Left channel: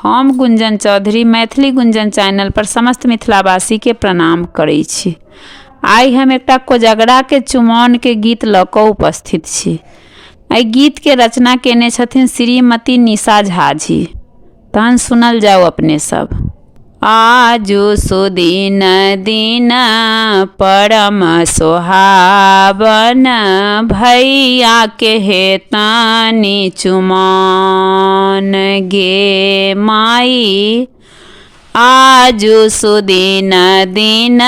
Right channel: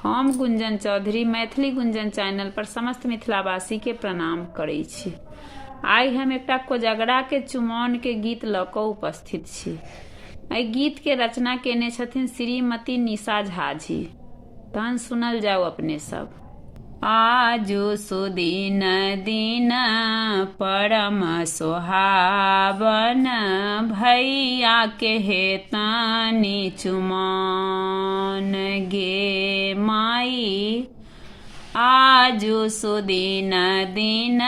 हम गुंजन चौधरी मैथिली गुंजन चैनल पर समस्त मिथिलावासी के प्रणाम करै छी। आइ हम एकटा कोजगरा के चुमाओन के गीत लऽ कऽ उपस्थित छी। एहि गीत के रचना केने छथिन श्रीमती निशा झा जी। तहन सुनल जाओ अपने सब। आजु सुदिन दिन परम सोहावन, भैया के हेतानी चुमाओन गे माई। आजु सुदिन दिन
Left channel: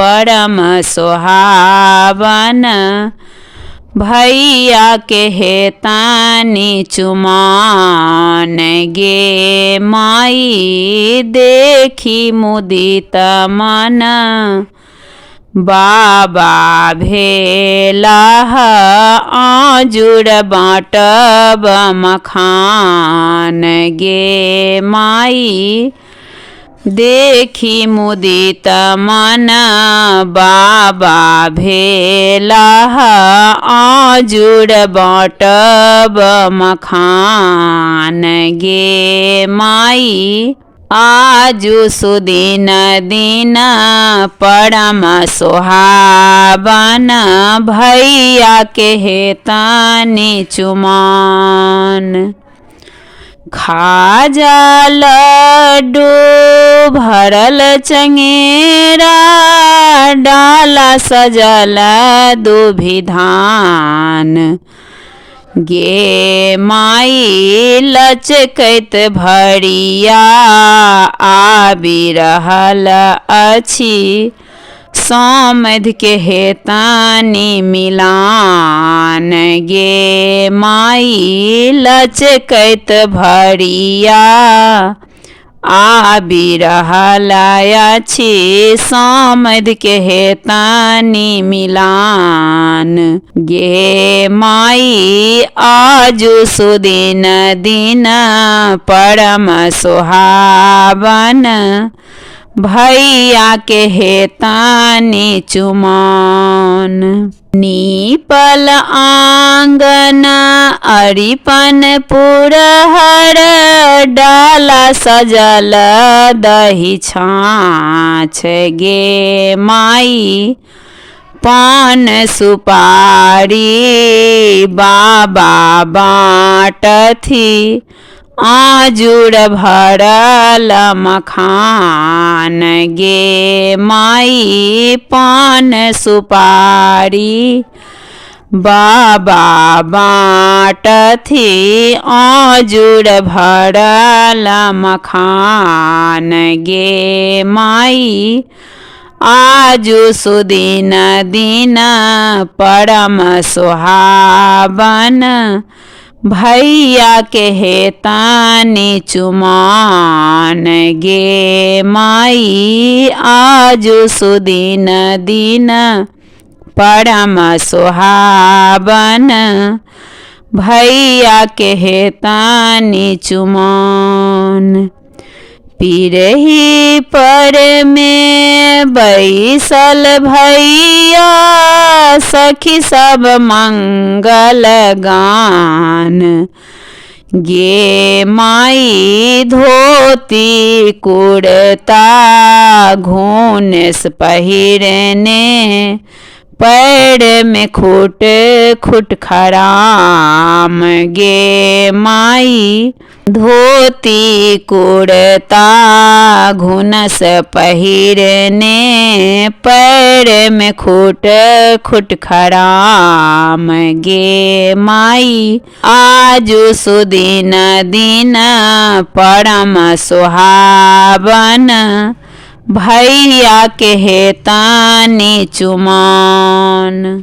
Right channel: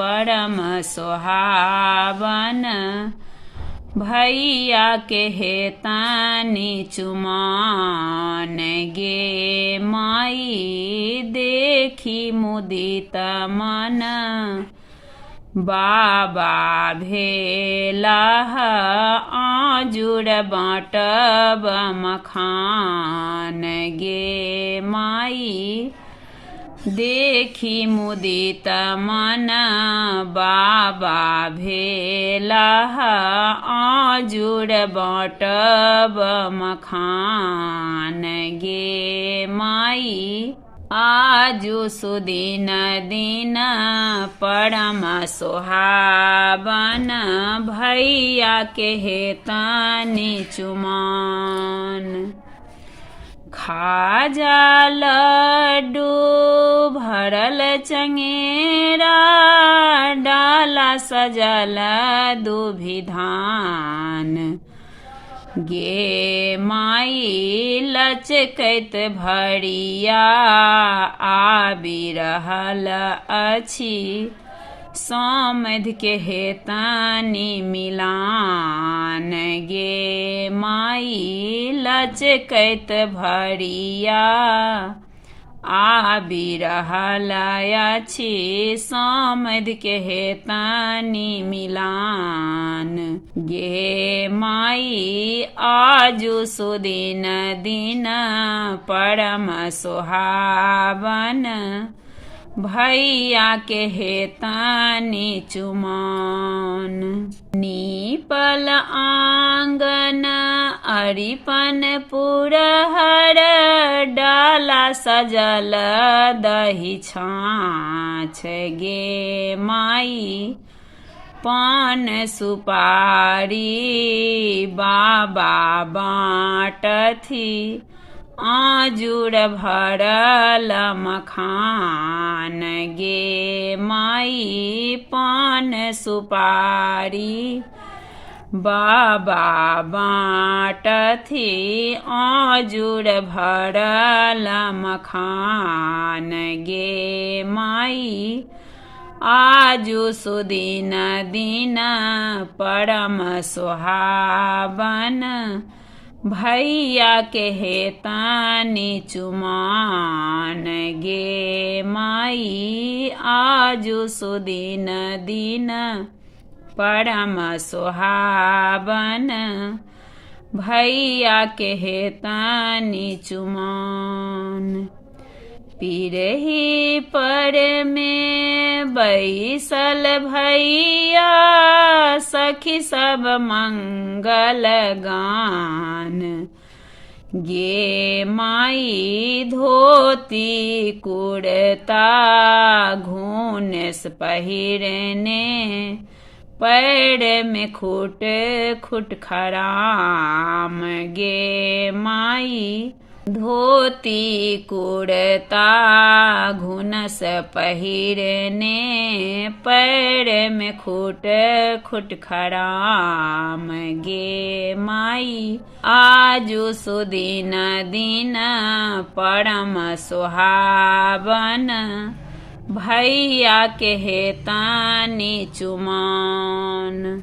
परम सोहावन, भैया के हेतानी चुमाओन गे माई। देखी मुदित मन बाबा भेलाह, आजुर बाटब मखान गे माई। देखी मुदित मन बाबा भेलाह, आजुर बाटब मखान गे माई। आजु सुदिन दिन परम सोहावन, भैया के हेतानी चुमाओन। खाजा लड्डू भरल चंगेरा, डाला सजल दुभिधान गे माई। लचकैत भरिया आबि रहल अछि, समधि के हेतानी मिलान गे माई। लचकैत भरिया आबि रहल अछि, समधि के हेतानी मिलान गे माई। आजु सुदिन दिन परम सोहावन, भैया के हेतानी चुमाओन। नीपल आंगन अरिपन पुरहर, डाला सजल दही छाछ गे माई। पान सुपारी बाबा बाटथी, आजुर भरल मखान गे माई। पान सुपारी बाबा बाटथी, आजुर भरल मखान गे माई। आजु सुदिन दिन परम सोहावन, भैया के हेतानी चुमाओन गे माई। आजु सुदिन दिन परम सोहावन, भैया के हेतानी चुमाओन। पिरही पर में बैसल भैया, सखी सब मंगल गान गे माई। धोती कुर्ता घूंस पहिरने, पैर में खुट खुट खराम गे माई। धोती कुर्ता घूंस पहिरने, पैर में खुट खुट खराम गे माई। आजु सुदिन दिन परम सोहावन, भैया के हेतानी चुमाओन।